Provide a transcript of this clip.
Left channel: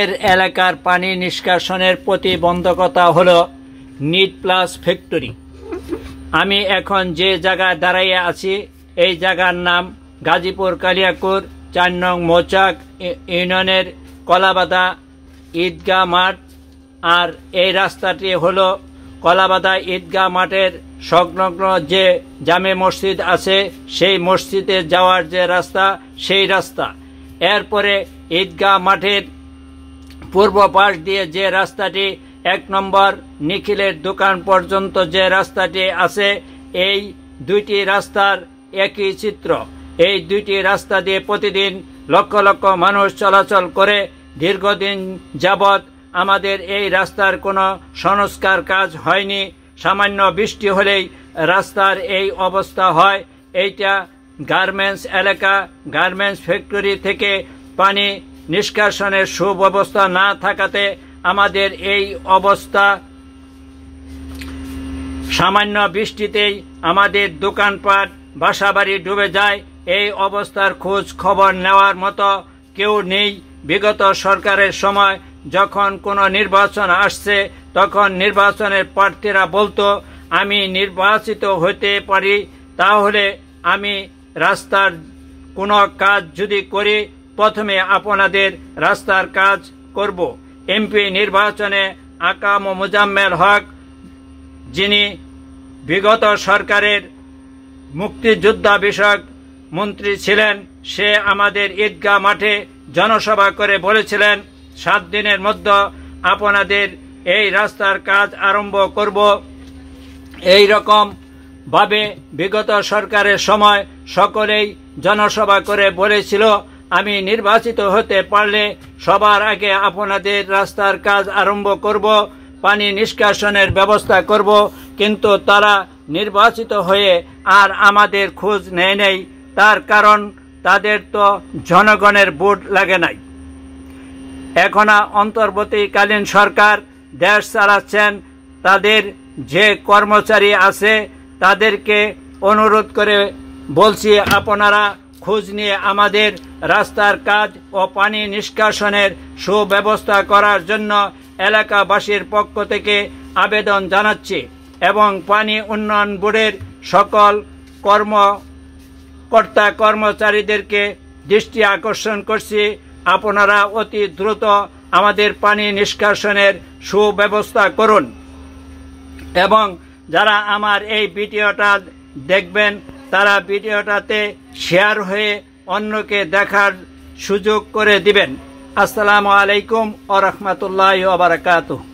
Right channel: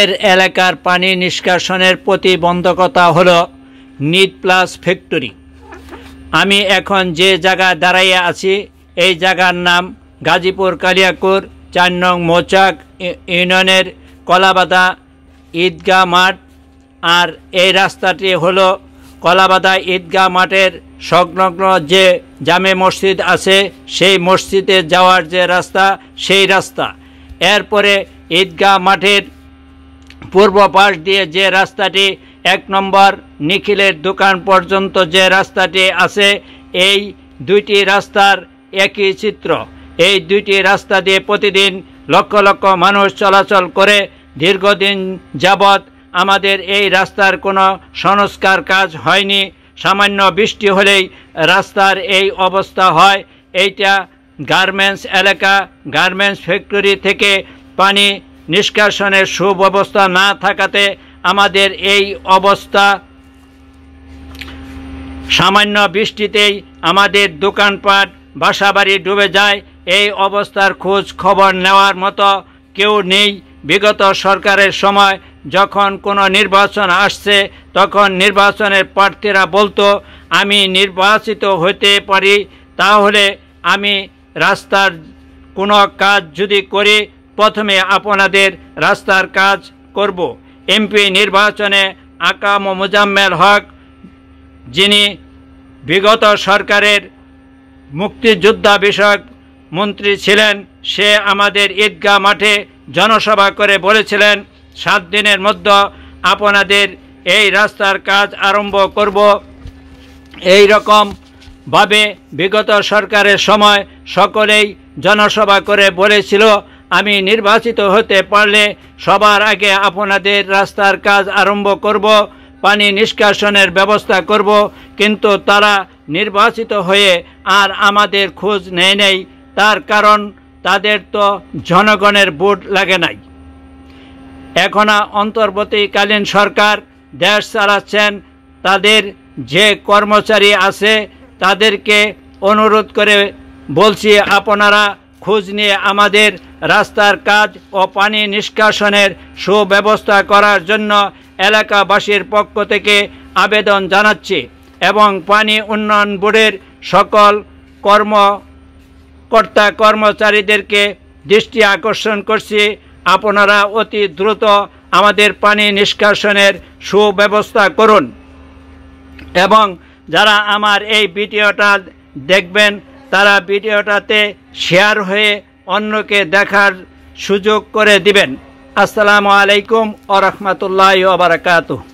এর এলাকার পানি নিষ্কাশনের প্রতিবন্ধকতা হলো নিট প্লাস ফ্যাক্টরি। আমি এখন যে জায়গায় দাঁড়িয়ে আছি এই জায়গার নাম গাজীপুর কালিয়াকৈর ৪ নং মৌচাক ইউনিয়নের কলাবাদা ঈদগাহ মাঠ। আর এই রাস্তাটি হলো কলাবাদা ঈদগাহ মাঠের সংলগ্ন যে জামে মসজিদ আছে সেই মসজিদে যাওয়ার যে রাস্তা সেই রাস্তা। এরপরে ঈদগাহ মাঠের পূর্ব পাশ দিয়ে যে রাস্তাটি ১ নম্বর নিখিলের দোকান পর্যন্ত যে রাস্তাটি আছে এই দুইটি রাস্তার একই চিত্র। এই দুইটি রাস্তা দিয়ে প্রতিদিন লক্ষ লক্ষ মানুষ চলাচল করে। দীর্ঘদিন যাবৎ আমাদের এই রাস্তার কোনো সংস্কার কাজ হয়নি। সামান্য বৃষ্টি হলেই রাস্তার এই অবস্থা হয়। এইটা গার্মেন্টস এলাকা। গার্মেন্টস ফ্যাক্টরি থেকে পানি নিষ্কাশনের সুব্যবস্থা না থাকাতে আমাদের এই অবস্থা। সামান্য বৃষ্টিতেই আমাদের দোকানপাট বাসাবাড়ি ডুবে যায়। এই অবস্থার খোঁজ খবর নেওয়ার মতো কেউ নেই। বিগত সরকারের সময় যখন কোনো নির্বাচন আসছে তখন নির্বাচনের প্রার্থীরা বলতো আমি নির্বাচিত হতে পারি তাহলে আমি রাস্তার কোনো কাজ যদি করি প্রথমে আপনাদের রাস্তার কাজ করব। এমপি নির্বাচনে আকাম মোজাম্মেল হক যিনি বিগত সরকারের মুক্তিযোদ্ধা বিষয়ক মন্ত্রী ছিলেন সে আমাদের ঈদগাহ মাঠে জনসভা করে বলেছিলেন ৭ দিনের মধ্যে আপনাদের এই রাস্তার কাজ আরম্ভ করব। এই রকমভাবে বিগত সরকারের সময় সকলেই জনসভা করে বলেছিল আমি নির্বাচিত হতে পারলে সবার আগে আপনাদের রাস্তার কাজ আরম্ভ করব, পানি নিষ্কাশনের ব্যবস্থা করব। কিন্তু তারা নির্বাচিত হয়ে আর আমাদের খোঁজ নেয় নাই। তার কারণ তাদের তো জনগণের ভোট লাগে নাই। এখন অন্তর্বর্তীকালীন সরকার দেশ চালাচ্ছেন। তাদের যে কর্মচারী আছে তাদেরকে অনুরোধ করে বলছি আপনারা খোঁজ নিয়ে আমাদের রাস্তার কাজ ও পানি নিষ্কাশনের সুব্যবস্থা করার জন্য এলাকাবাসীর পক্ষ থেকে আবেদন জানাচ্ছি এবং পানি উন্নয়ন বোর্ডের সকল কর্মকর্তা কর্মচারীদেরকে দৃষ্টি আকর্ষণ করছি আপনারা অতি দ্রুত আমাদের পানি নিষ্কাশনের সুব্যবস্থা করুন। এবং যারা আমার এই ভিডিওটা দেখবেন তারা ভিডিওটাতে শেয়ার হয়ে অন্যকে দেখার সুযোগ করে দিবেন। আসসালামু আলাইকুম ওয়া রাহমাতুল্লাহি ওয়া বারাকাতুহু।